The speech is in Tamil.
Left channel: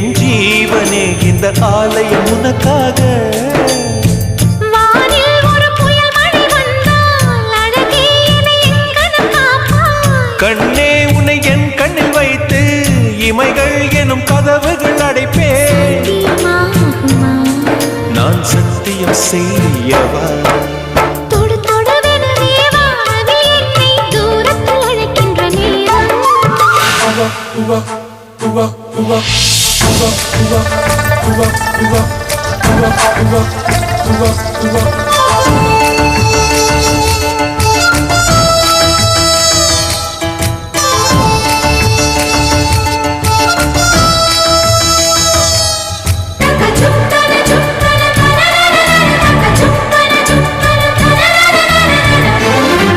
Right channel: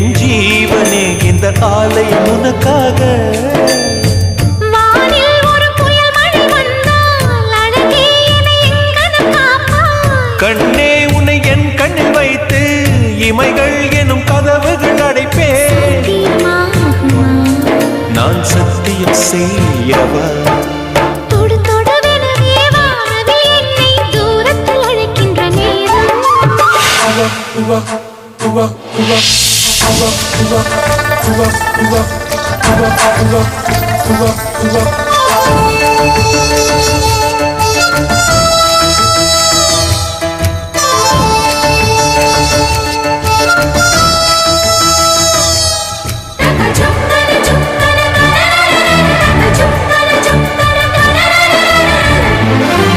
என் ஜீவனே இந்த ஆலயம் உனக்காக. வானில் ஒரு புயல் மழை வந்தால் அழகே என்னை எங்கனம் காப்பாய். கண்ணே உன்னை என் கண்ணில் வைத்து இமைகள் எனும் கதவுகள் அடைப்பேன். சத்தியமாகுமா? நான் சத்தியம் செய்யவா? தொடு தொடுவெனவே வானவில் என்னை தூரத்தில் அழைக்கின்ற நேரம்.